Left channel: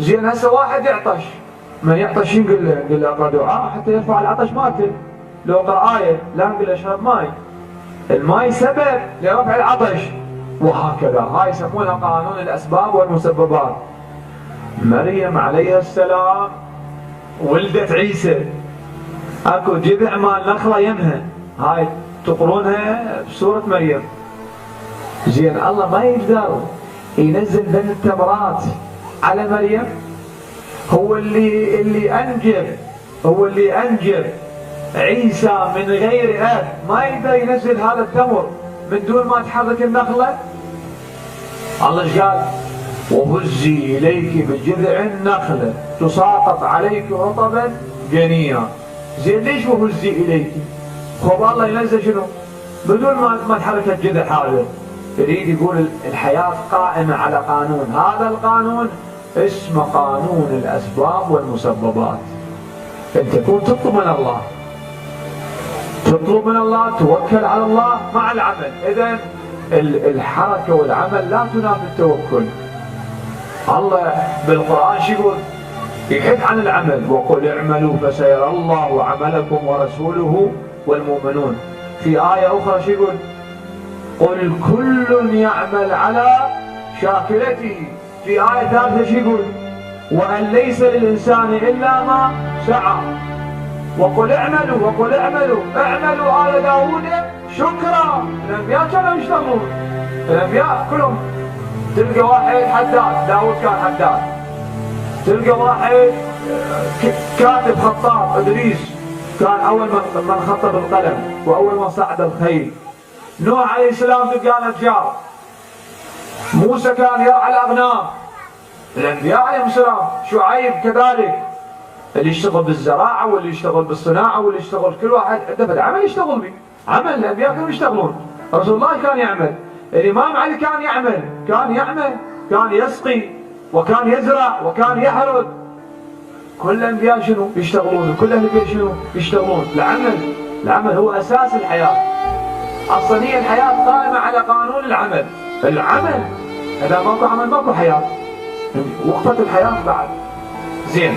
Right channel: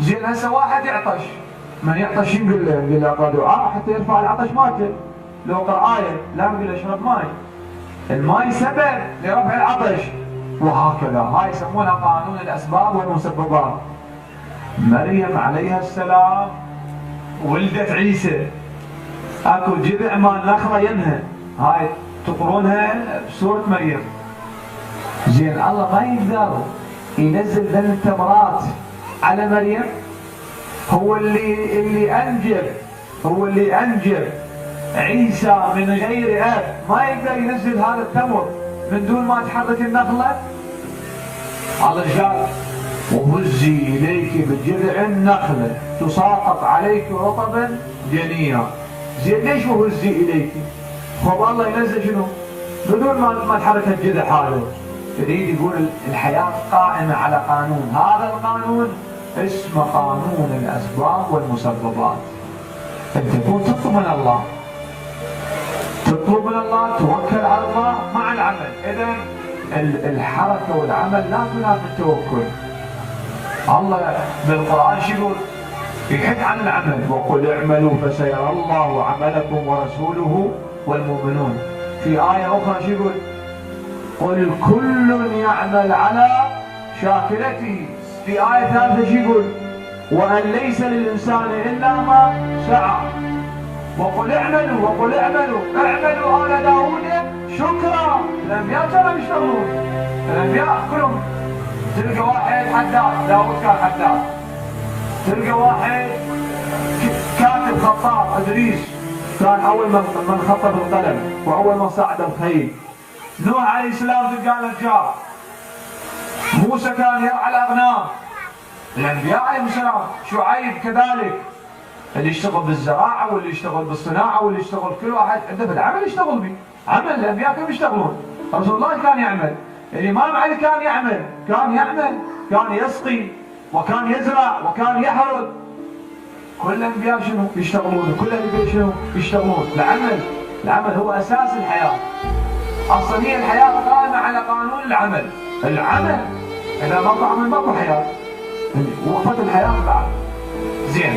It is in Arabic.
زين هسه واحد يعطش، من يعطش نقول له؟ نقول له اقرا دعاء حتى يرفع العطش مالته. لو اقرا ايه، لا نقول له اشرب ماي. الماي سبب لرفع العطش، وهكذا. هاي يسمونها قانون الاسباب والمسببات. مريم عليها السلام ولدت عيسى، اكو جذع مال نخله يمها، هاي تقرونها بسوره مريم. زين الله ما يقدر ينزل من التمرات على مريم؟ هو اللي انجب عيسى من غير اب، ما يقدر ينزل هذا التمر من دون ما تحرك النخله؟ الله قال وهزي اليك بجذع النخله تساقط عليك رطبا جنيا. زين ليش وهزي اليك؟ هو الله ينزل شنو؟ بدون ما تحرك الجذع هذا. يريد يقول الحياه قائمه على قانون، هذا القانون اسمه قانون الاسباب والمسببات. انت تكون تطلب من الله، توكل على الله مع العمل. اذا الحركه والعمل لا تنافي التوكل. الله بالقران شو يقول؟ يحث عن العمل، وقل اعملوا فسيرى الله عملكم ورسوله والمؤمنون. في آية أخرى شو يقول؟ قل كل يعمل على شاكلته. في آية ثالثة شو يقول؟ وأن ليس للإنسان إلا ما سعى. وقل اعملوا آل داود شكرا. الأنبياء كانوا يشتغلون، الأنبياء كلهم. تلقى واحد حداد، داود كان حداد. تلقى واحد كاتب خطاط، إدريس كان أول من خط بالقلم وأول من صعد الخيل. نوح عليه السلام تلقى نجار. موسى كان يرعى الأغنام. الأنبياء عليهم السلام. شعيب كذلك، اللي يشتغل بالزراعة واللي يشتغل بالصناعة واللي يشتغل، كل واحد عنده العمل يشتغل به. عمل الأنبياء كانوا يشتغلون. رسول الله كان يعمل، الإمام علي كان يعمل، كان يسقي وكان يزرع وكان يحرث. كل الأنبياء شنو؟ يشتغلون. كل أهل البيت شنو؟ يشتغلون. العمل هو أساس الحياة. أصلا هي الحياة قائمة على قانون العمل. إذا ماكو عمل ماكو حياة، وقفت الحياة بعد. زين.